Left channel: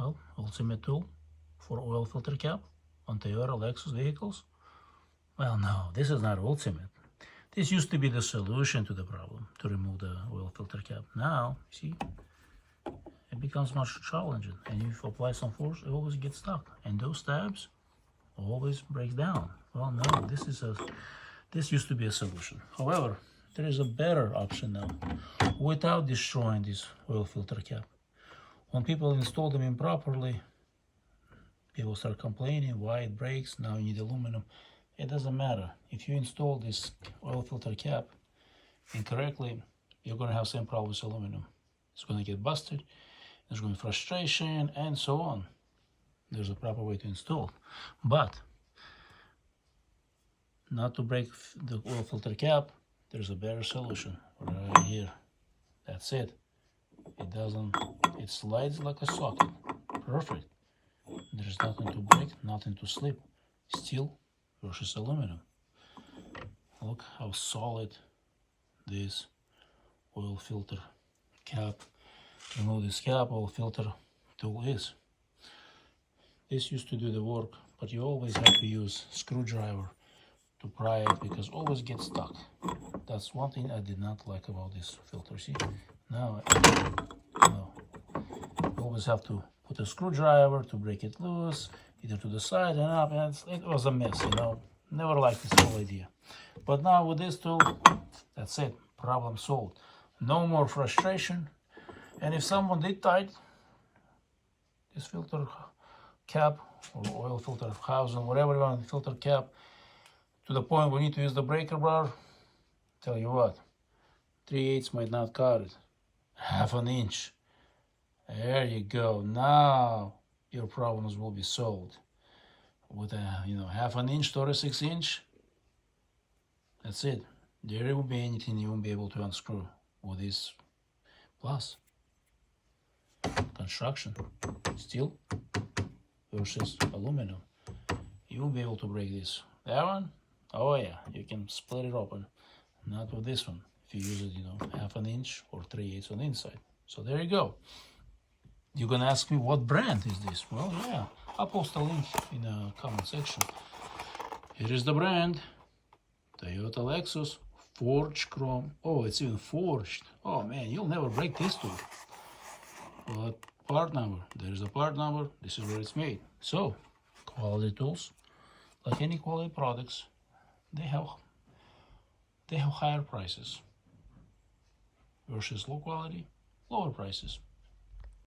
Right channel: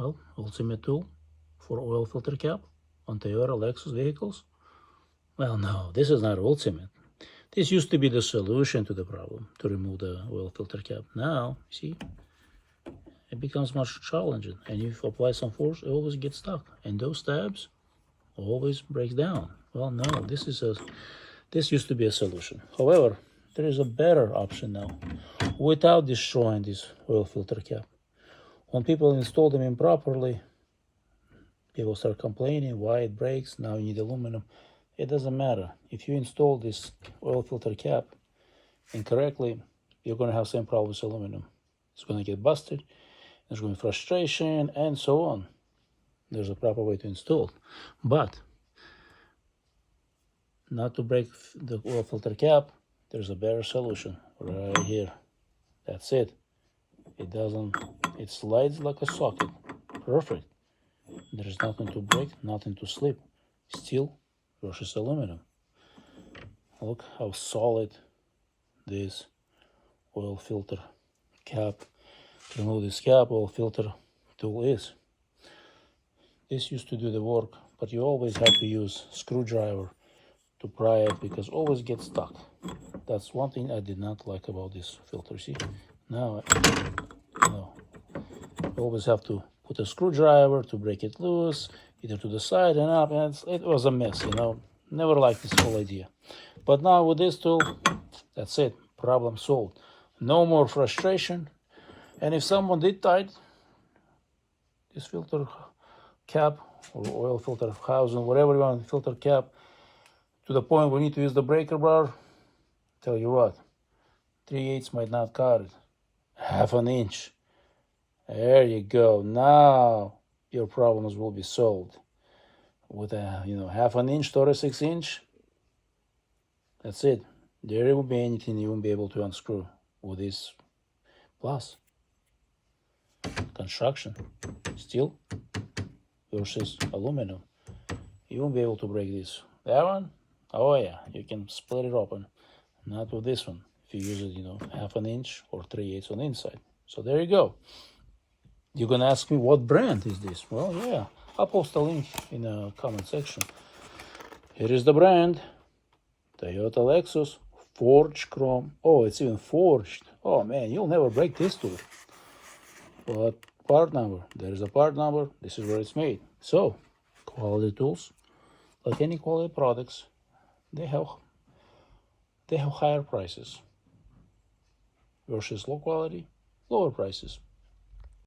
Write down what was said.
Well, ultimate tool for oil filter cap on Toyota Lexus vehicles. Well, no, this is not ultimate. This used to be the solution to the problem, to remove the oil filter cap. Now, see, it becomes much challenging, and if you apply some force, it always gets stuck, and those tabs always break down. Well, no, this used to be a solution. However, there is a better option now, without destroying this oil filter cap. When people install them improperly, people start complaining why it breaks. Now you need aluminum. It doesn't matter. If you install this oil filter cap incorrectly, you're going to have same problem with aluminum. It's going to get busted. There's going to be frustration and so on. There's a proper way to install. But not to break the oil filter cap, there's a better solution right here. That's it. It slides like a socket. Perfect. There's nothing to break, nothing to slip. Steel versus aluminum. Look how solid this oil filter cap, remove this cap, oil filter tool is. This used to do the work, but you always have to use screwdriver to pry it because it always gets stuck. That's one thing I did not like about this filter. See, now no, you always have to put a screwdriver to break it loose, either to the side and up, and it was a mess, you know. Never liked this whole idea. But now with this tool, that's it, problem solved. No more frustration. And if someone did tight this filter cap or oil filter housing, whatever you want, filter cap, to the point we need to use the breaker bar, tell you what, 3/8 might not cut it. 1/2 inch. There you go. Now your problems will be solved. With a 1/2 inch, 36 inch, that's it. There will be anything you won't be able to unscrew with this. Plus, construction, steel versus aluminum. You won't be able to break this. That one, oh yeah, you can split it open. Not with this one. If you use it, 1/2 inch or 3/8 on the inside. So there you go. You're gonna ask me what brand is this? Well, yeah, I'll post a link in the comment section. Here is the brand, Toyota Lexus Forged Chrome. Oh, it's even forged. Oh man, you'll never break this tool. But part number, there's a part number. This is where it's made. So, quality tools, like any quality products, they have higher prices versus low quality, lower prices.